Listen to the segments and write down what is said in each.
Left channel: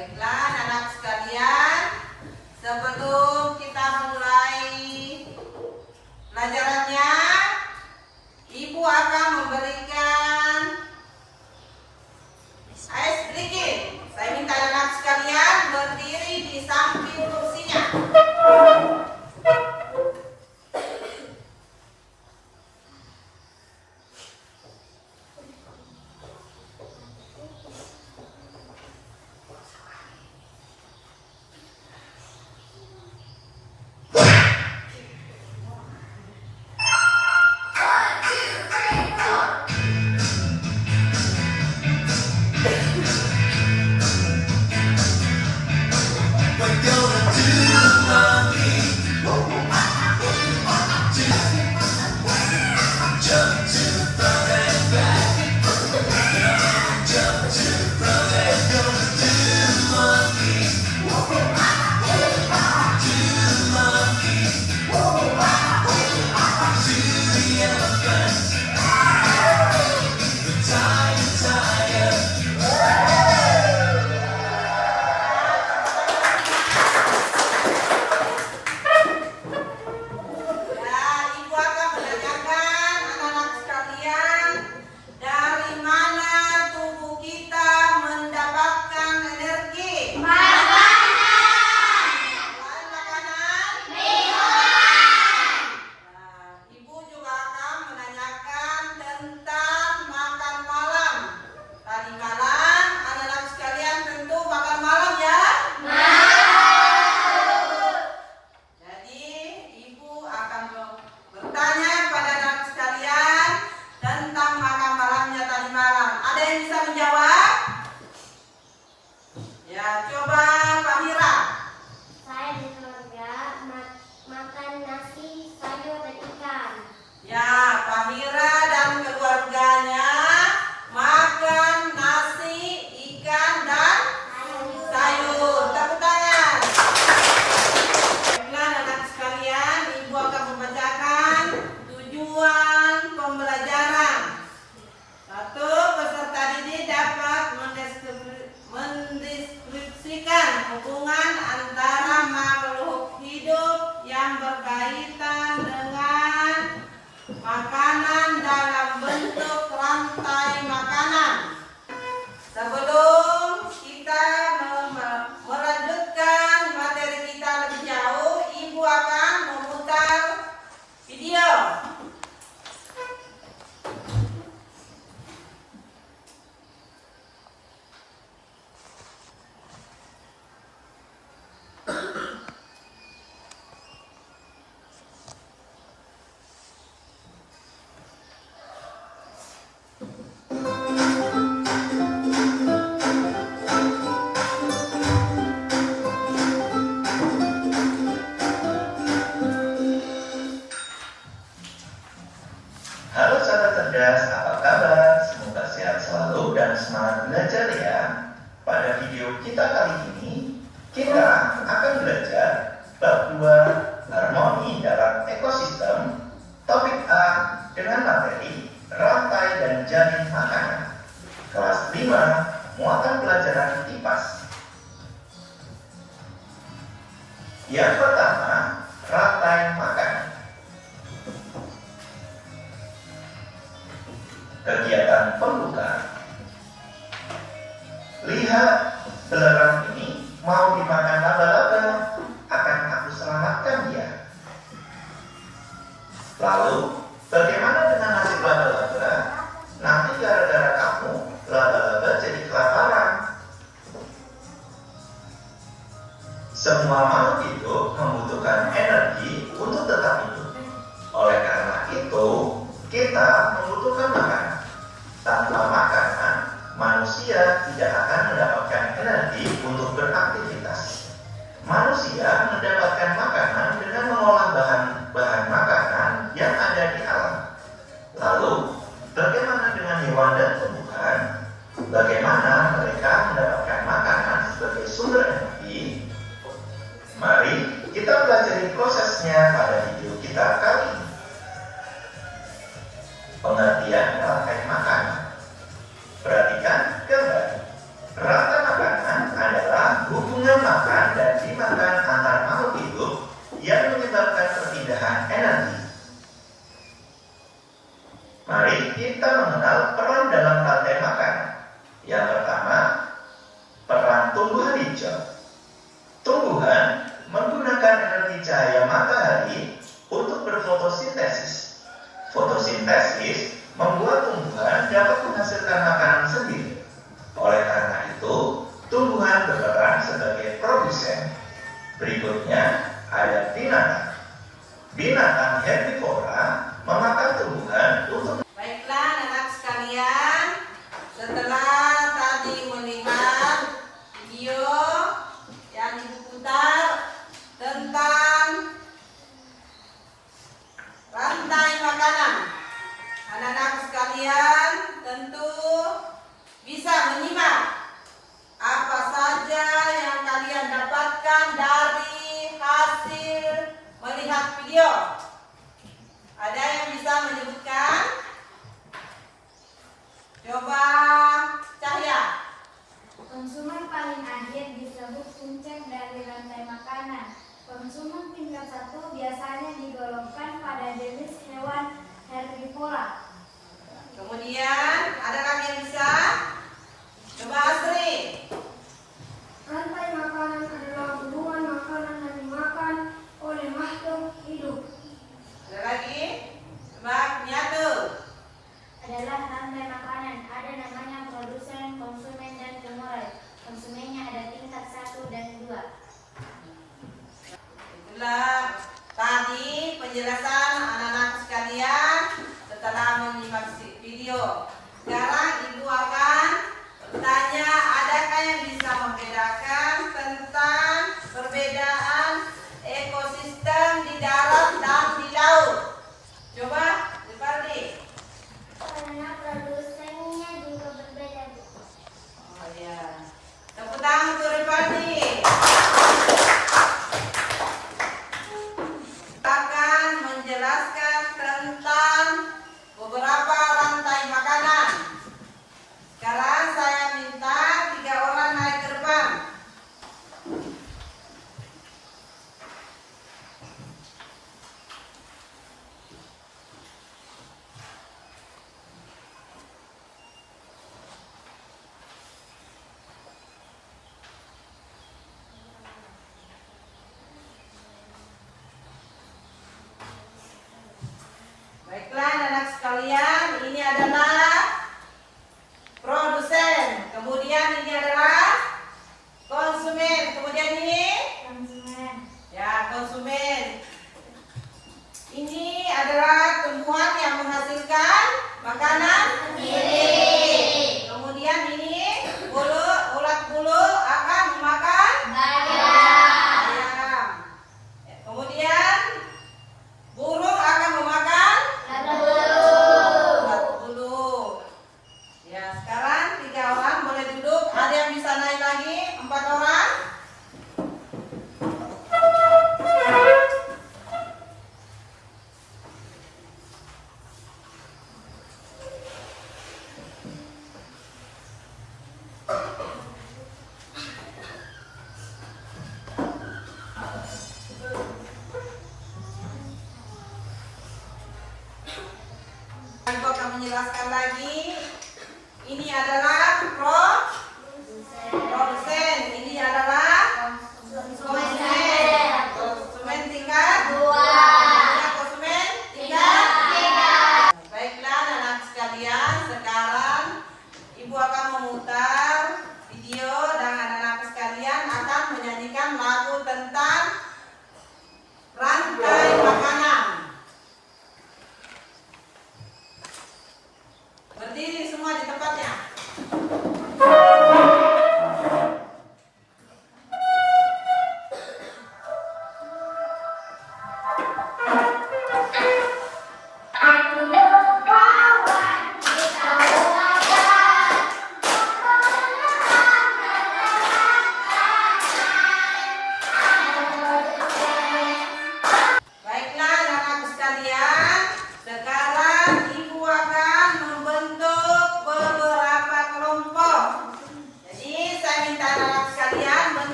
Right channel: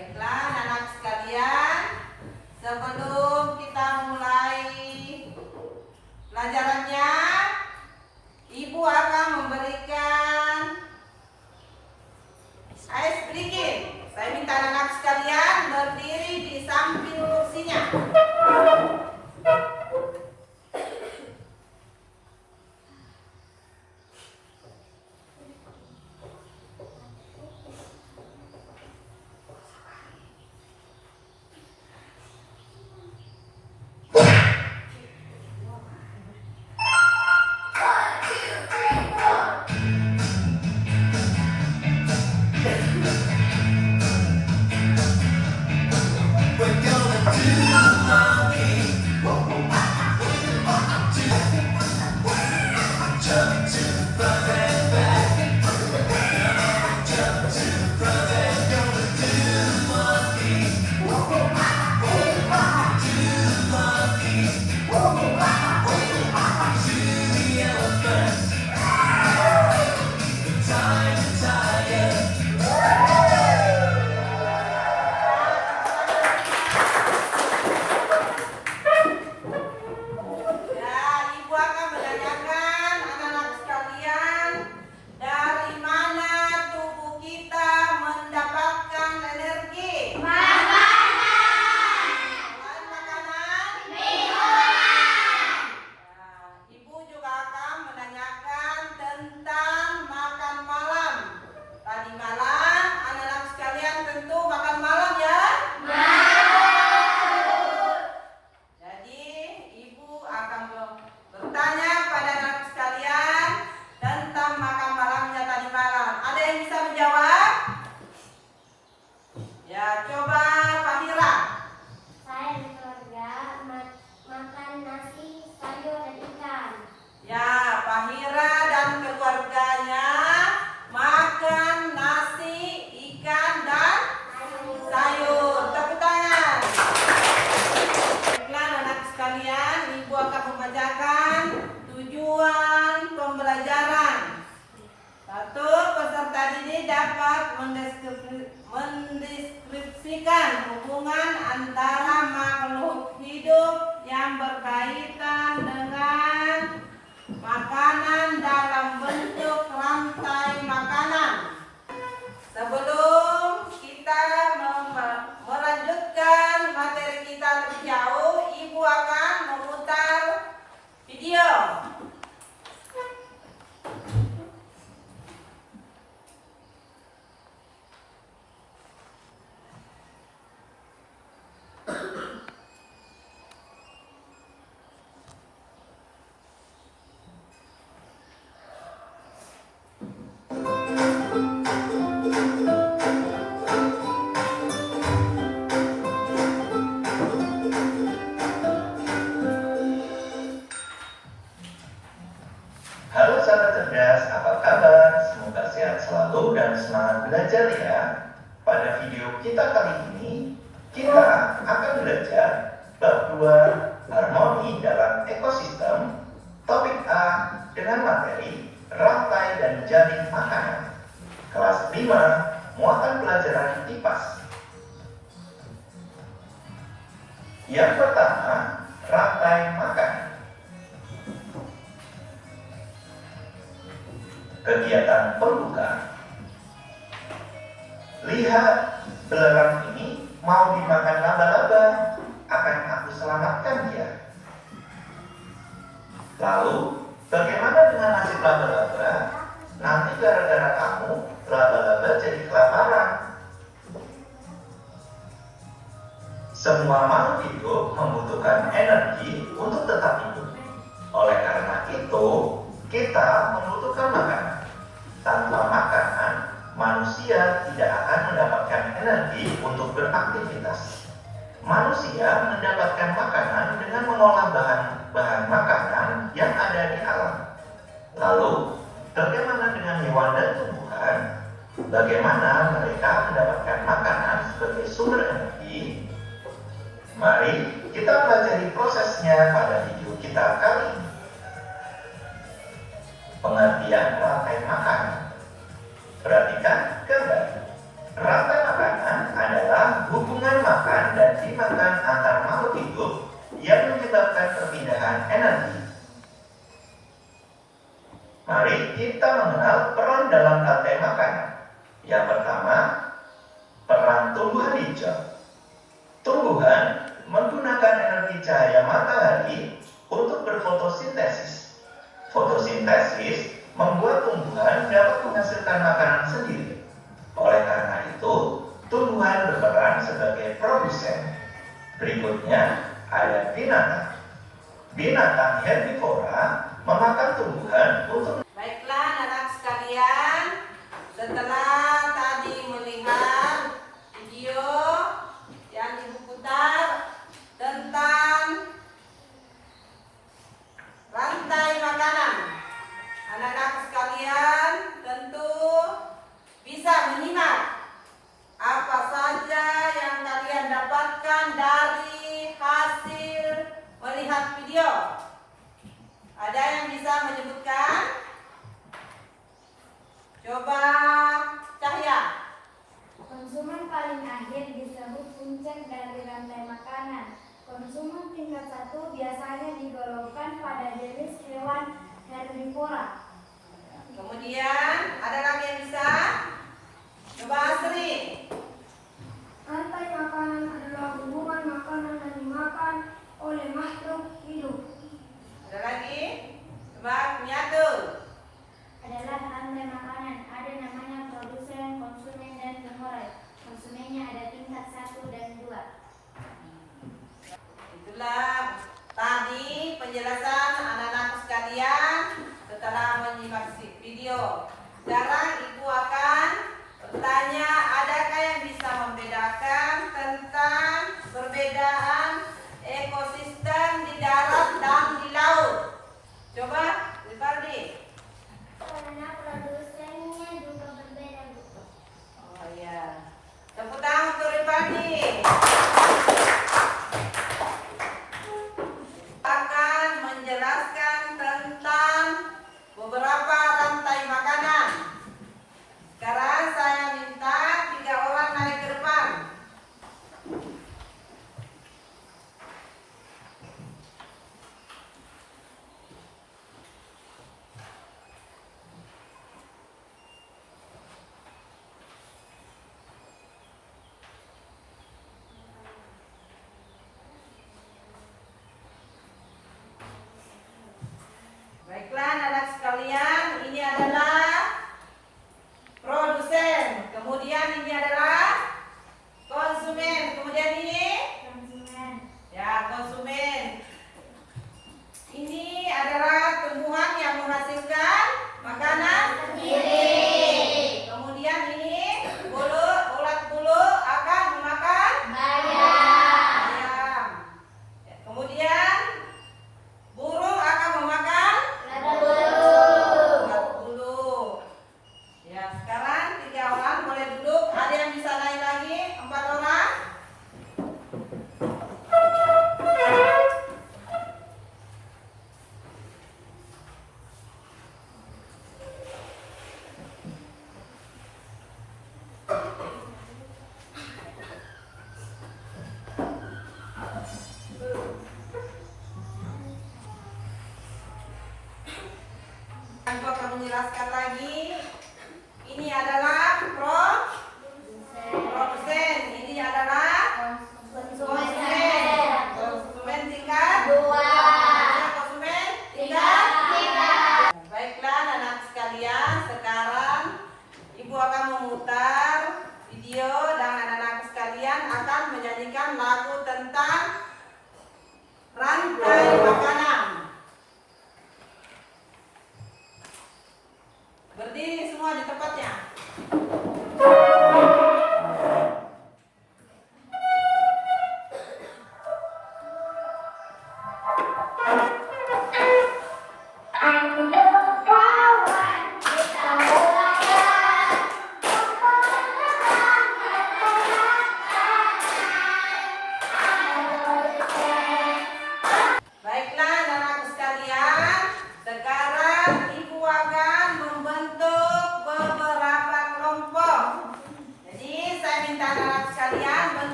Baiklah anak sekalian, sebelum kita mulai pelajarannya, Ibu akan memberikan ice breaking. Saya minta anak sekalian berdiri di samping kursinya. Mendeskripsikan hubungan antara makhluk hidup yang berkaitan dengan makanan dalam bentuk rantai makanan. Sebelum kita melanjutkan materi kita lebih jauh, Ibu akan memutar video. Halo sahabat cerdas, apa kabar? Semoga sehat selalu dan semangat belajar ya. Pada video kita kali ini, kita akan belajar bab 2 harmoni dalam ekosistem, topik A dengan materi rantai dan jarin makanan. Kelas 5, muatan pelajaran IPAS. Yang pertama, rantai makanan. Kegiatan pembuka. Lihat, belerang ini mau dimakan laba-laba. Akan aku selamatkan dia. Lalu, bagaimana dengan nasib laba-laba? Nanti gara-gara kamu, laba-laba jadi kelaparan. Semua makhluk hidup membutuhkan energi untuk tetap hidup. Oleh karena itu, kita membutuhkan makanan. Tanpa makanan, manusia tidak akan mendapatkan energi untuk beraktivitas. Manusia mendapatkan makanan dengan mengolah bahan makanan yang ada di alam. Lalu, bagaimana dengan hewan dan tumbuhan? Bagaimana mereka mendapatkan makanan sebagai sumber energi? Mari kita pelajari prosesnya pada video kita kali ini. Pengertian rantai makanan. Perhatikan gambar. Rantai makanan adalah hijau. Tumbuhan menggunakan energi cahaya matahari untuk berfotosintesis. Fotosintesis membuat tumbuhan dapat menghasilkan makanan sendiri. Oleh karena itu, tumbuhan berperan sebagai produsen. Berikutnya ada binatang. Binatang herbivora memakan tumbuhan untuk. Baiklah anak sekalian, setelah tadi melihat video yang Ibu putar tentang rantai makanan, anak-anak sekalian tentu bisa menyimak apa saja yang kalian dapatkan dari hasil melihat video. Ada yang bisa menyebutkan? Coba Cahya. Konsumen paling akhir disebut puncak dari rantai makanan. Konsumen tingkat 1 biasanya digolongkan pada jenis hewan herbivora. Kemudian ada lagi yang bisa? Coba Asri. Rantai makanan adalah hubungan makanan yang dimakan oleh makhluk hidup. Ada lagi? Coba Nyatu. Adalah rantai makanan. Ada namanya produsen, konsumen, dan pemulai. Konsumennya ada tingkat 1 dan 2. Itulah tadi penjelasan anak-anak sekalian setelah menyimak video. Sekarang Ibu akan bertanya, adakah yang bisa membedakan tentang perbedaan ekosistem di darat dan di laut? Coba, Rivaldi. Karena produsennya juga berbeda. Oh iya. Tepuk tangan untuk Rivaldi. Akan menjelaskan tentang beberapa rantai makanan. Sekarang saya minta 3 orang naik ke depan. Baiklah anak sekalian, ini adalah produsen, kemudian ini adalah konsumen, kemudian ini Konsumen. ya konsumen. Ini adalah tumbuhan yang menghasilkan makanan sendiri. Kemudian ini ulat bulu akan memakan ayam. Kemudian burung akan memakan ulat bulu. Ya, sekarang 3 orang boleh duduk. Ada yang bisa naik lagi? 4 orang. Aku akan menjelaskan lagi. Ini adalah produsen, ini adalah konsumen. Konsumen tingkat 2. Konsumen tingkat 3. Baiklah anak sekalian, sekarang Ibu akan memutar video dan anak-anak sekalian akan menyanyikan lagu tentang rantai makanan. Berdiri semua di tempatnya. Baiklah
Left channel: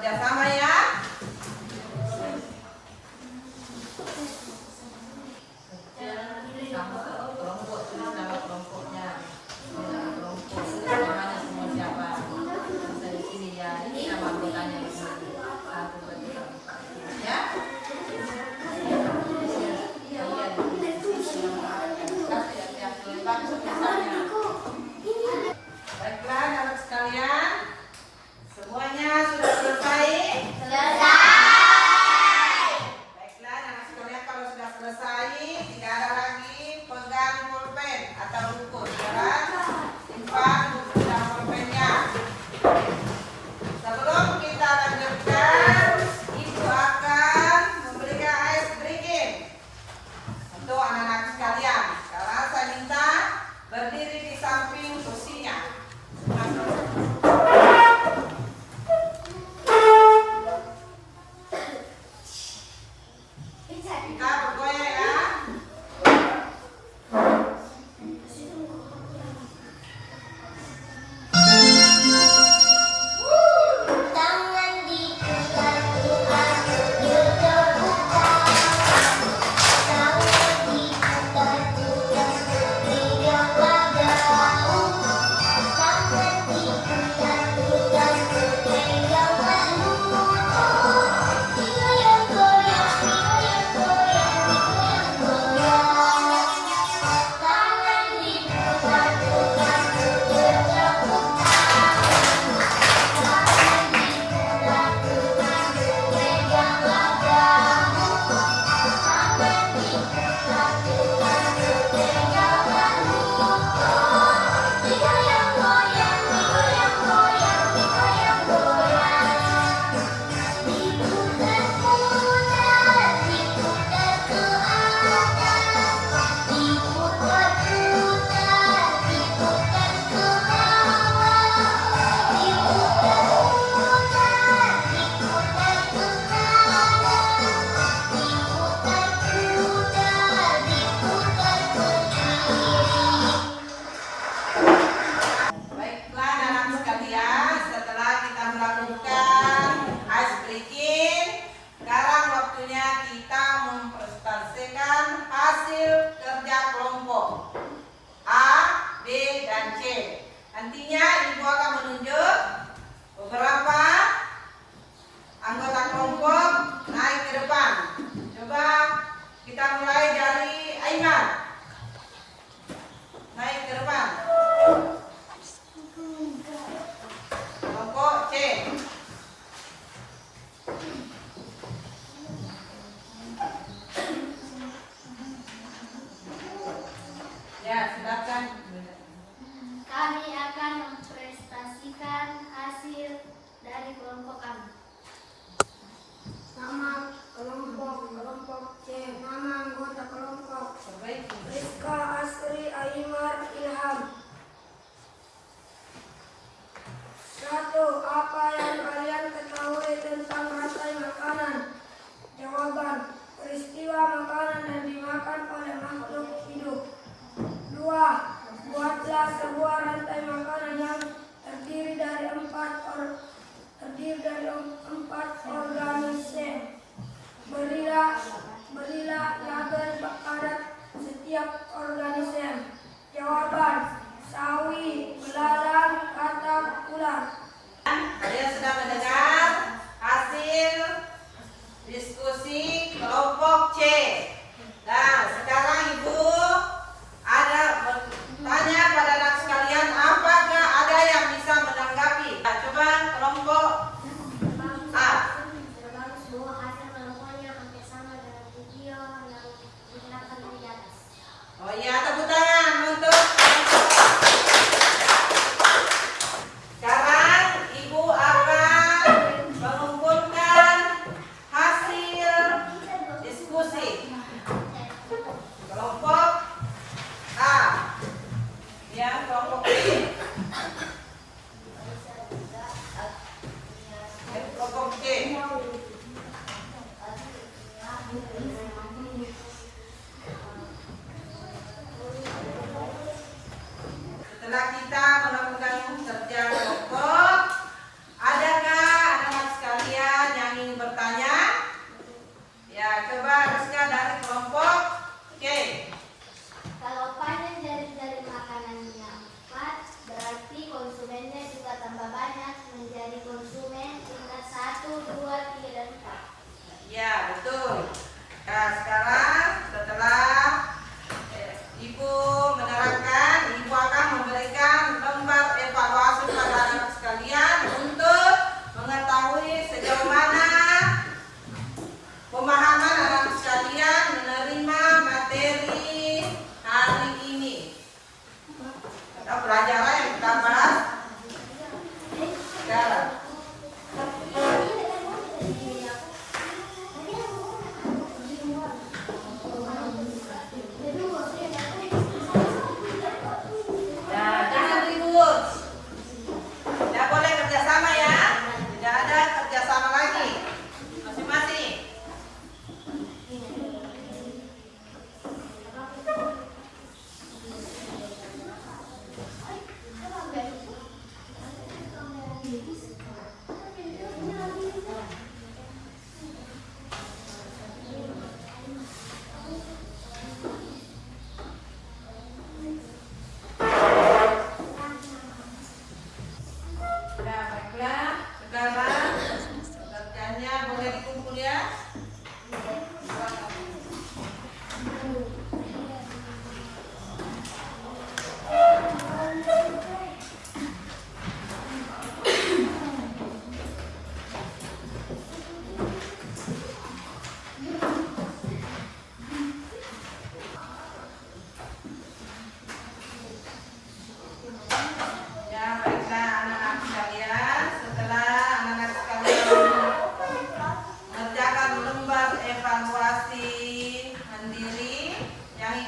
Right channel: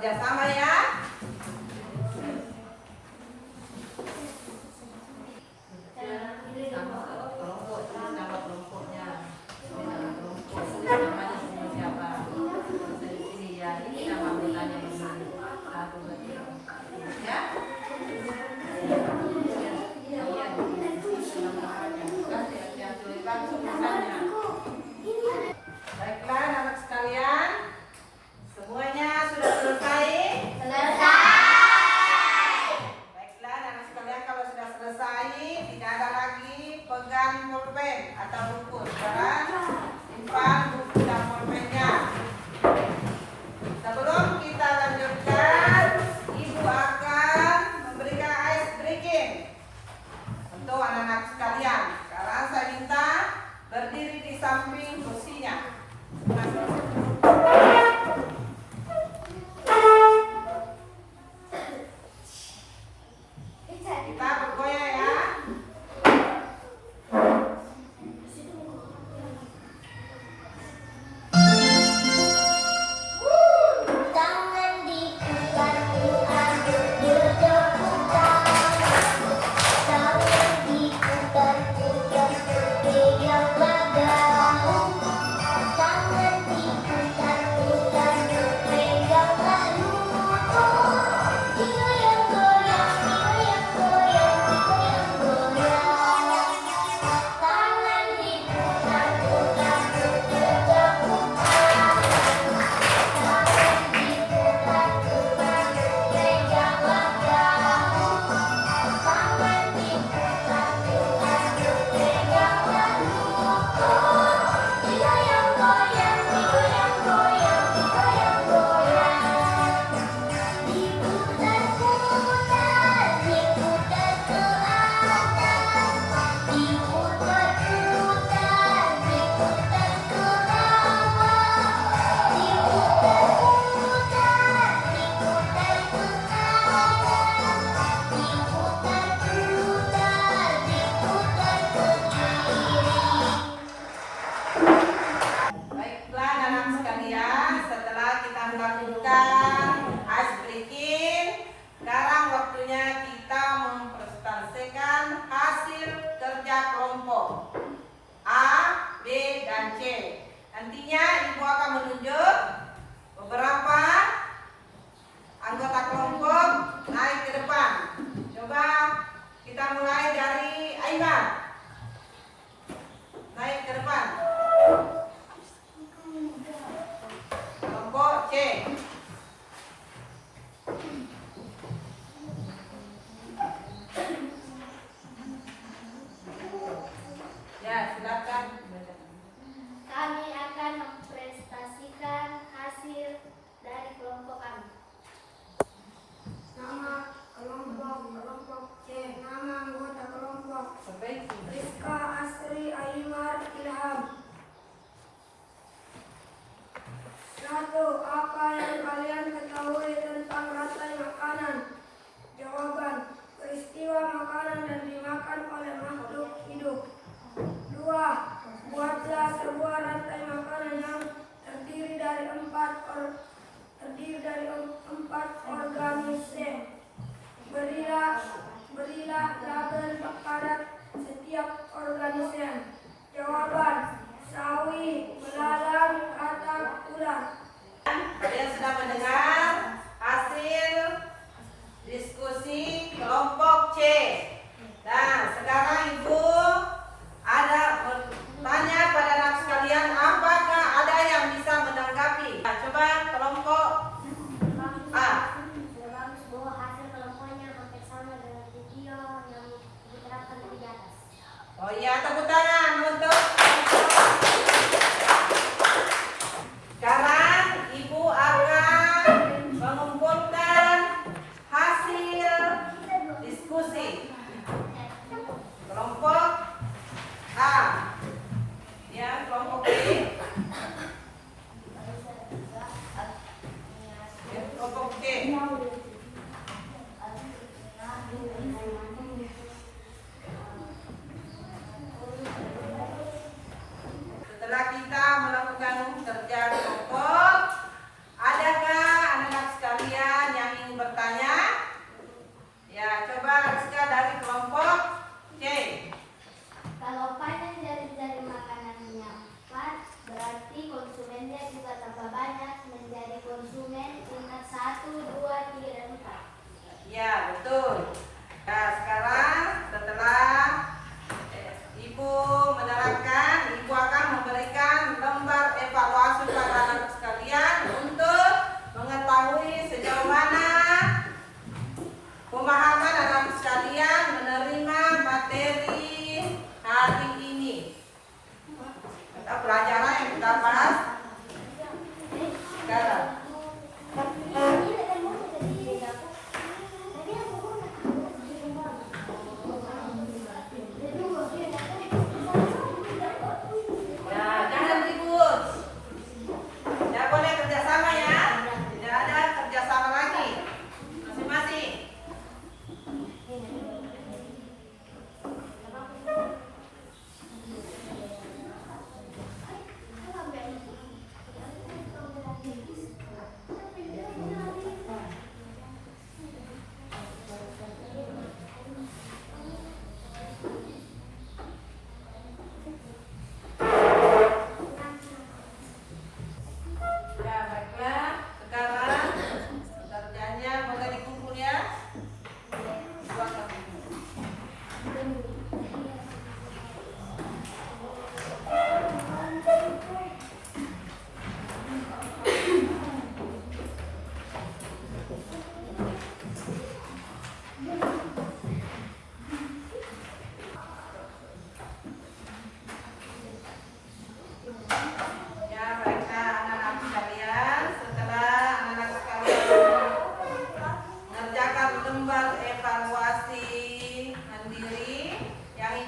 kerjasama ya. Sama kelompok, tulis nama kelompoknya. Nama kelompok, namanya semua siapa? Di sini ya, ini nama anggotanya di sini. 1, 2, 3, 4, ya. Baiklah anak sekalian, semuanya sudah selesai? Baiklah anak sekalian, kalau sudah selesai tidak ada lagi pegang pulpen atau buku, jangan simpan buku dan pulpennya. Sebelum kita lanjutkan, ibu akan memberikan ice breaking untuk anak-anak sekalian. Sekarang saya minta berdiri di samping kursinya. Kita bergoyang ya. Tangan diputar-putar, diputar-putar. Tangan diputar-putar, teriak lagu. Tangan diputar-putar, teriak lagu. Goyang-goyang, goyang-goyang, goyang-goyang. Tangan diputar-putar, diputar-putar. Baiklah anak sekalian, setelah kita melakukan ice breaking, sekarang waktunya kita mempresentasikan hasil kerja kelompok A, B, dan C. Nantinya ibu akan menunjuk beberapa anggota kelompok naik ke depan. Coba kita mulai dari Aiman. Naik ke depan. Kelompok C. Ya, silakan. Kami akan mempresentasikan hasil dari kelompok kami. Nama kelompok C. Nama anggota kelompok Perbaiki. Rizka Asri Aymar Ilham. 1. Apa yang kalian ketahui tentang rantai makanan? Jawaban: peristiwa makanan yang dimakan oleh makhluk hidup. 2. Buatlah sebuah rantai makanan yang terdiri dari empat organisme. Berilah label pada setiap organisme. Jawaban: sawi, belalang, katak, ular. Kalian sudah mendengar hasil diskusi kelompok C. Nah, sekarang ibu ada bertanya pada anak sekalian, apakah ada yang bisa menanggapi? Nah, coba kelompok A. Bagus bahwa hasil kelompoknya hampir sama dengan video yang diterapkan di atas. Oh iya, tepuk tangan untuk sekarang ibu akan mengumpulkan hasil diskusi kelompok A. Ya, kelompok B. Ya, kelompok C. Setelah kita melakukan kerja kelompok, adakah anak-anak sekalian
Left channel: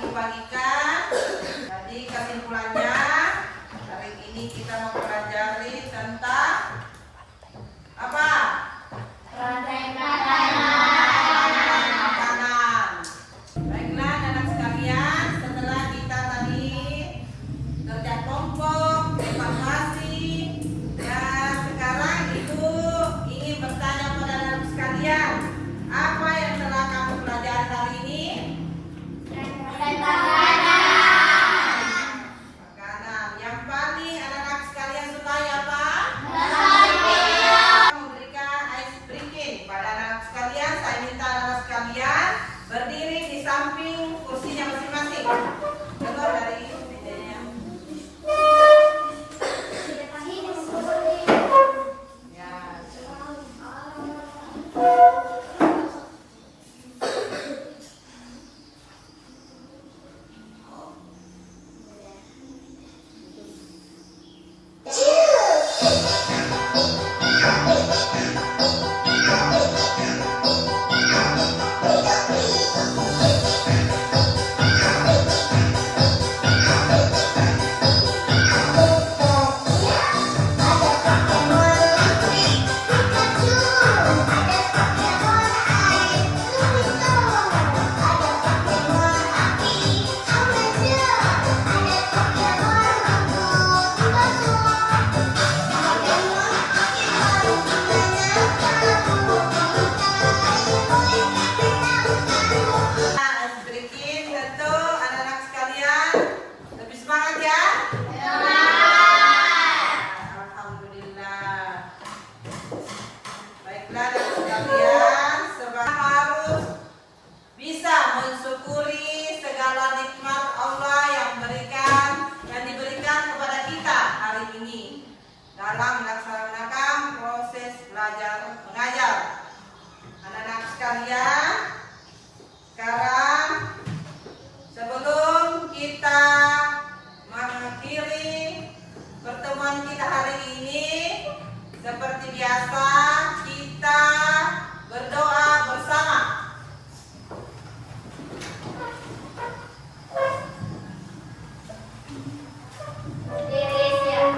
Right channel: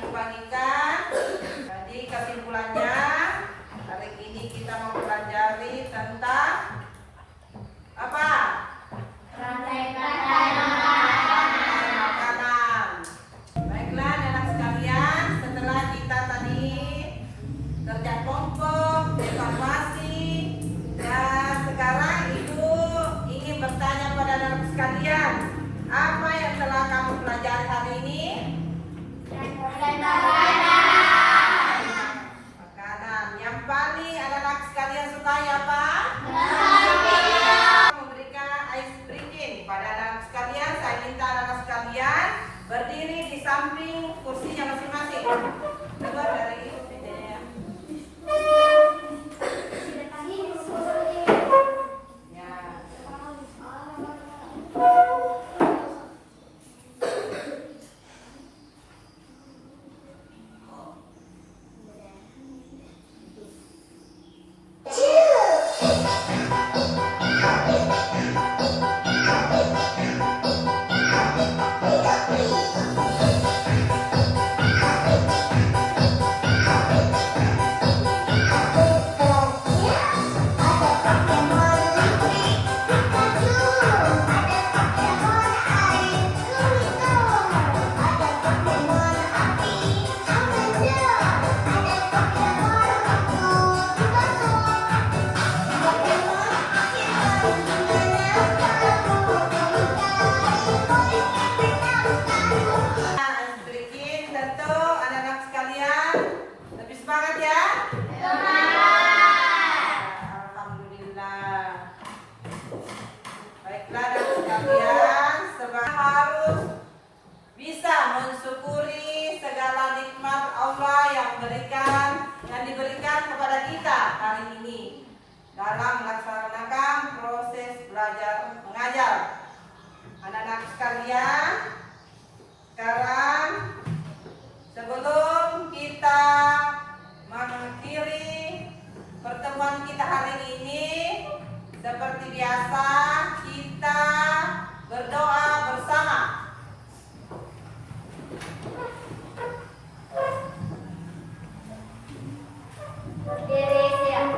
Ibu bagikan. Jadi kesimpulannya hari ini kita mau pelajari tentang apa? Rantai Makanan. Baiklah anak sekalian, setelah kita tadi kerja kelompok, evaluasi, dan sekarang Ibu ingin bertanya pada anak sekalian, apa yang telah kamu pelajari hari ini? Makanan. Yang paling anak-anak sekalian sukai apa? Memberikan ice breaking pada anak sekalian. Saya minta anak sekalian berdiri di samping kursinya masing-masing. Coba dari videonya. Ya. Ice breaking tentu anak-anak sekalian lebih semangat ya. Alhamdulillah. Baiklah anak sekalian, semua harus bisa mensyukuri segala nikmat Allah yang diberikan kepada kita hari ini dalam melaksanakan proses belajar mengajar. Anak-anak sekalian, sekarang sebelum kita mengakhiri pertemuan kita hari ini, seperti biasa kita berdoa bersama. Berdiri siap.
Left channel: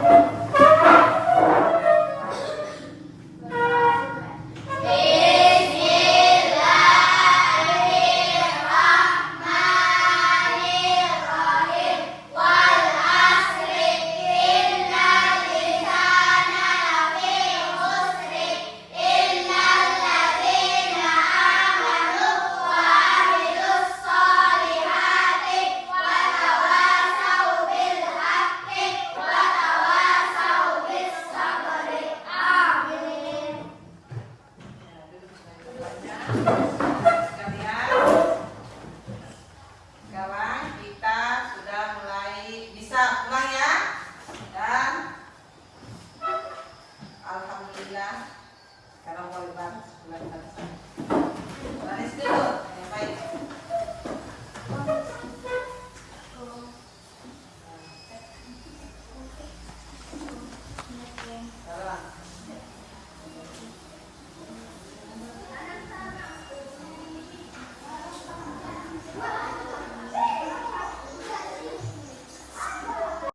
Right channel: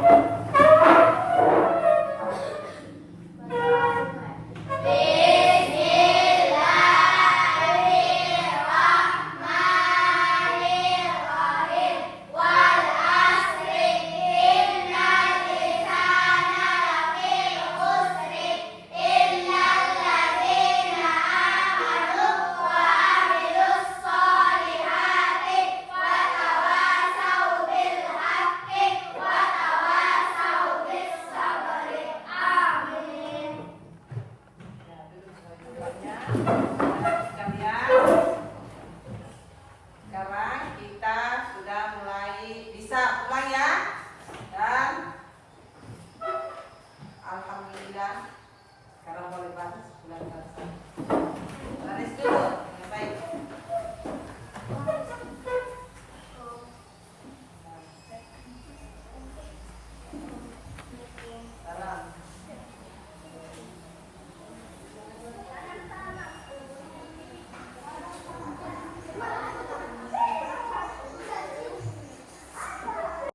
Bismillahirrahmanirrahim. Wal asri innal insana lafi khusri illal ladzina amanu wa amilus solihati wa tawasau bil haqqi wa tawasau bis sabri. Amin. Sekalian, sekarang kita sudah mulai bisa pulang ya, dan alhamdulillah sekarang boleh pulang. Manis dulu.